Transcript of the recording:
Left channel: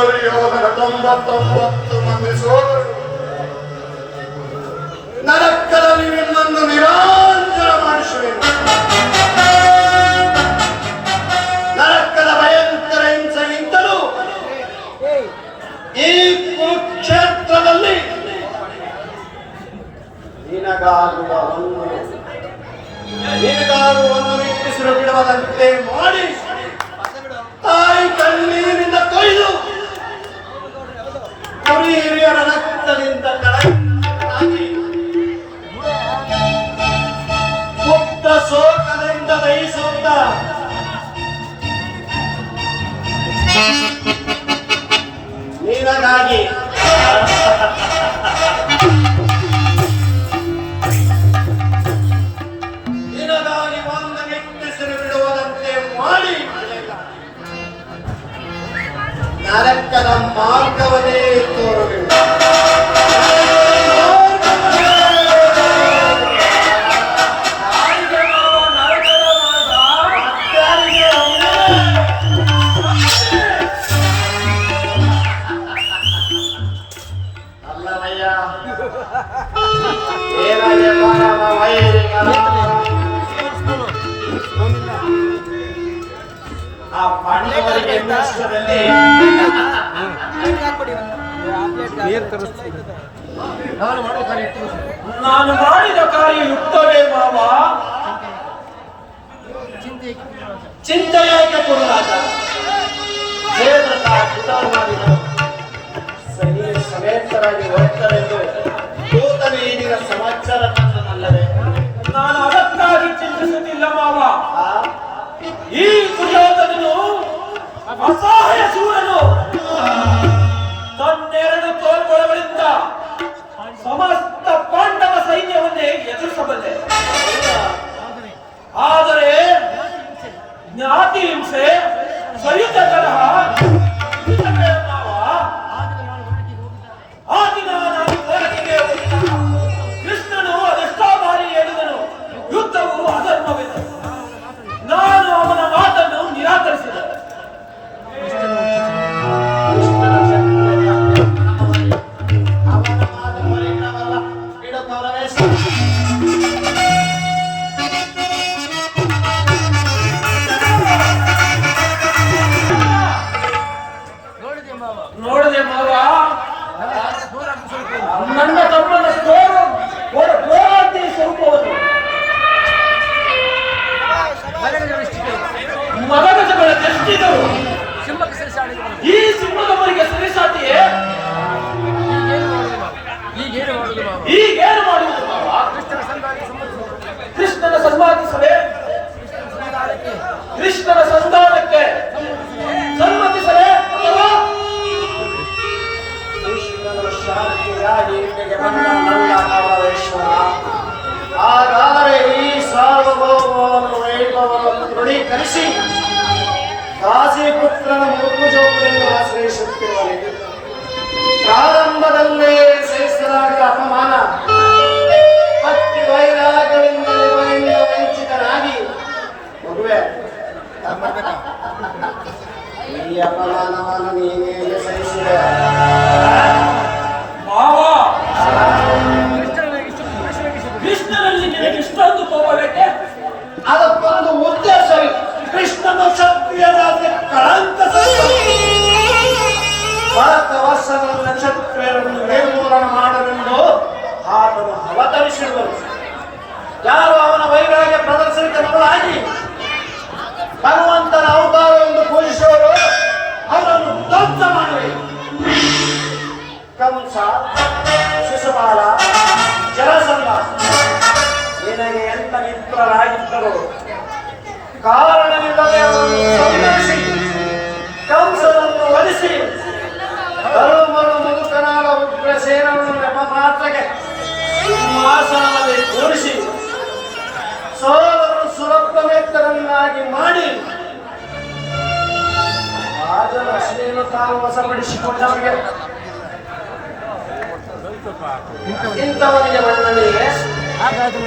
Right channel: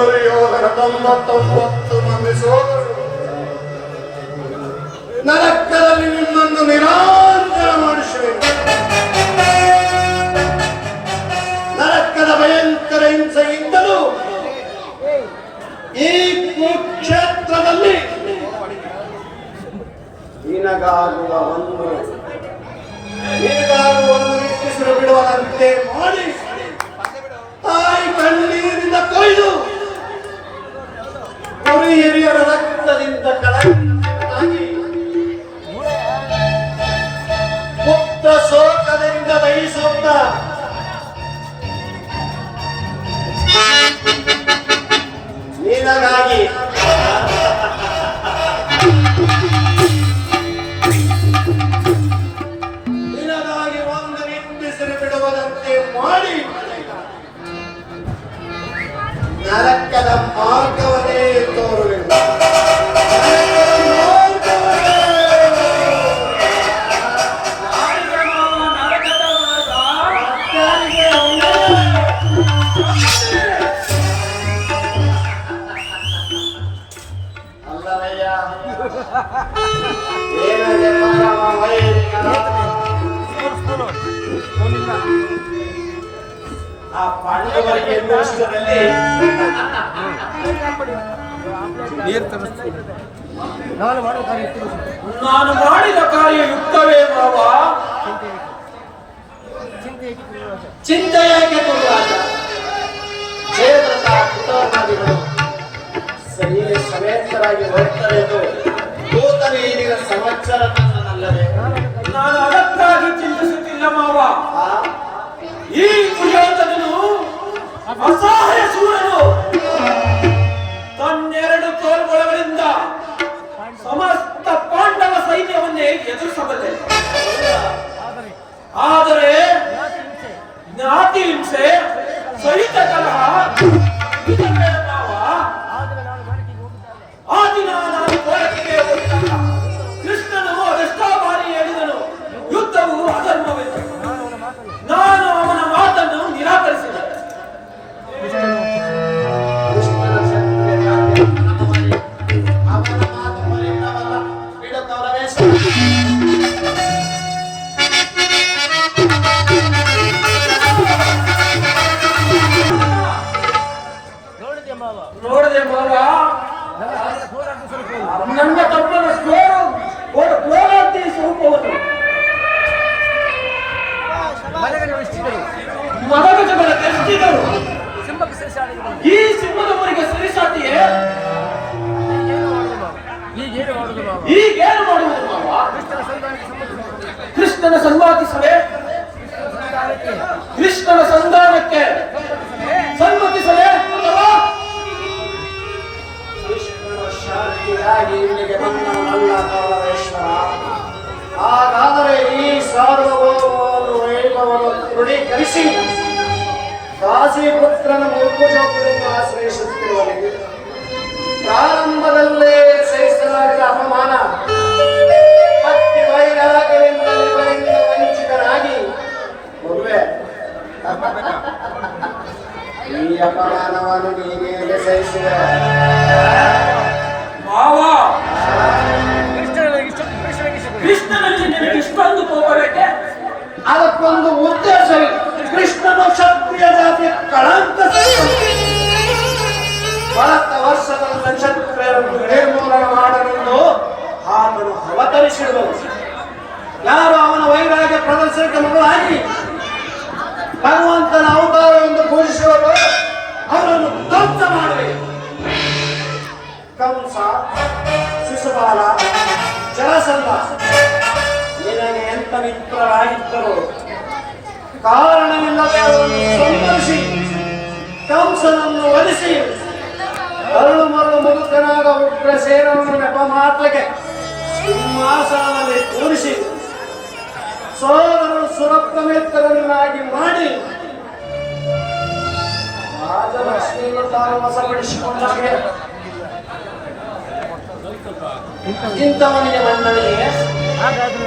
ದುರ್ಯೋಧನ 99 ಮಂದಿ ಸೋದರು. ನರಕದಲ್ಲಿ ನಿನ್ನನ್ನು ನಿರಾಂತರ ಮಾಡಿಸುವೆನು. ನರಕದ ಭಯಂಕರ ಹಿಂಸೆಗಿಂತಲೂ ಈ ಕುರುಕ್ಷೇತ್ರದಲ್ಲಿ ನಿನಗಾಗುವ ಒಂದು ನಿಟ್ಟಿಸಿರು ಬಿಡುವುದಂತೆ ಮಾಡಿ ತಾಯಿ ಕಣ್ಣೀರಿಂದ ಕೊಯ್ದು ಕುರಿ ಹಿರಿಯರ ರಕ್ತದಿಂದ ಕಳಂಕನಾಗಿ ಮುಕ್ತ ಶೋಕದಿಂದ ಬಯಸುತ್ತ ನಿನಗಾಗಿ ಒಂದು ನಿಟ್ಟಿಸಿರು ಬಿಡುವುದಂತೆ ಮಾಡಿ ನರಕದ ಮಾರ್ಗವನ್ನೇ ತೋರುವೆನು. ಆ ಪಾಂಡವರಿಗೆ ನಾನು ಮಾಡಿದ ಕಾರ್ಯ ಯುಕ್ತವೇ ಬಾಬಾ. ಚಿಂತೆಯಾಗಿ ಸಮೇತರಾಗಿ ಬರುತ್ತಲೆಂದು ಈಗಿನ ಸಮಾಚಾರ ನನ್ನಲ್ಲದೆ ನಾನು ಅದಕ್ಕಾಗಿ ಚಿಂತಿಸುತ್ತಿಲ್ಲ ಬಾಬಾ. ಈ ದುರ್ಯೋಧನನು ಅಸಹಾಯ ಸೂರನು ತನ್ನೆರಡು ತೋಳ್ಗೊಳಗಳಿಂದ ಸಮಸ್ತ ಪಾಂಡವ ಸೈನ್ಯವನ್ನೇ ಎದುರಿಸಬಲ್ಲೆ. ಆದರೆ ಜ್ಞಾತಿ ಹಿಂಸೆ, ಸಹಿತ ಕಲಹ, ಆ ದಿನ ನಾನು ಹೋರಾಟಕ್ಕೆ ಹೋಗಿದ್ದ. ಕೃಷ್ಣನು ಅದೆಷ್ಟೋ ಬಾರಿ ಹೇಳಿದನು, ಯುದ್ಧವು ಅಧರ್ಮವೆಂದು. ನಾನು ಅವನ ಮಾತನ್ನು ನಿರಾಕರಿಸಿದೆ. ನೋಡಿದೆ ಮಾವ, ನನ್ನ ತಮ್ಮನ ಹೋರಾಟಿ ಸ್ವರೂಪವನ್ನು ಮದಗಜಗಳ ಕಷ್ಟಿದರು ಈ ಸಿಂಹದವರಿಗೆ ಸರಿಸಾಟಿಯೇ? ಈಗೇನು ಮಾಡುವುದು ಮಾವ? ಕೃಷ್ಣನ ಸಂವಾದಿಸಲೇ? ಕೃಷ್ಣನ ಸಂಧಾನಕ್ಕೆ ಸಮ್ಮತಿಸಲೇ ಅಥವಾ ಕೃಷ್ಣನ ಶಾಂತಿಯಾಗಿ ಇಲ್ಲಿಗೆ ಬಂದವನಲ್ಲ ಪರಮೇಶ್ವರ. ಹಾಗಾದರೆ ಈ ಸಾರ್ವಭೌಮವನ್ನು ವೈಭವವನ್ನು ದೃಢೀಕರಿಸಿ ದಾಸಿಪುತ್ರನ ಬಹುಜೋಗವನ್ನು ಆಶ್ರಯಿಸುತ್ತೇವೆ. ಪ್ರಾರಂಭದಲ್ಲೇ ಸೇರಿಸಲಾದ ಅಪಮಾನ ಭಕ್ತಿ ವೈರಾಗ್ಯದಿಂದ ಇವರಿಂದ ವಂಚಿತನಾಗಿ ಮದುವೆ ಈ ಅಪಮಾನವನ್ನು ನೀನೇ ಸಹಿಸಿದೆ ಮಾವ. ಕೃಷ್ಣನಲ್ಲಿ ನಿನಗೆ ಇಷ್ಟೊಂದು ಕೋಪವೇಕೆ? ಅದಕ್ಕೊಂದು ಉದ್ದೇಶವೇ. ಕೃಷ್ಣನು ಕ್ಷತ್ರಿಯ ಜಾತಿಯ ಕಳಂಕ. ಭಾರತ ವರ್ಷದ ಕ್ಷತ್ರಿಯರನ್ನು ನಿರ್ಮೂಲನೆ ಮಾಡಲೆಂದು ಆತನು ಅವತರಿಸಿದನು. ಯಾರು ಅವನ ವೈರಾಗ್ಯ ಪ್ರದರ್ಶನಕ್ಕೆ ಮನಹಾಕಿ ಭಗವಂತನ ಅವತಾರವನ್ನು ಪೂಜಿಸುವರು ಅವರನ್ನು ಧ್ವಂಸ ಮಾಡುವೆ. ಕಂಸ, ಶಿಶುಪಾಲ, ಜರಾಸಂಧ ನಿನಗೆ ಎಂತ ಮಿತ್ರರಾಗಿದ್ದರು ಕಾರಣವಿಲ್ಲದೆ ಅವರನ್ನು ಸಂಹರಿಸಿ ಕಂಸನನ್ನು ವಧಿಸಿ ಅರಳು ಮುದುಕನಾದ ಉಗ್ರಸೇನನ್ನು ನೆಪ ಮಾತ್ರಕ್ಕೆ ಸಿಂಹಾಸನದಲ್ಲಿ ಕೂರಿಸಿ ಸೋದರನ್ನು ಸುರಪ್ತಮಿತ್ರರನ್ನಾಗಿ ಮಾಡಿ ರಾಜಲಕ್ಷ್ಮಿಯನ್ನು ತಾವು ವಶಪಡಿಸಿಕೊಂಡವರಿಗೆ ಇಂಥವನಿಗೆ ಮನ್ನಣೆ. ಹಾಗಾದ್ರೆ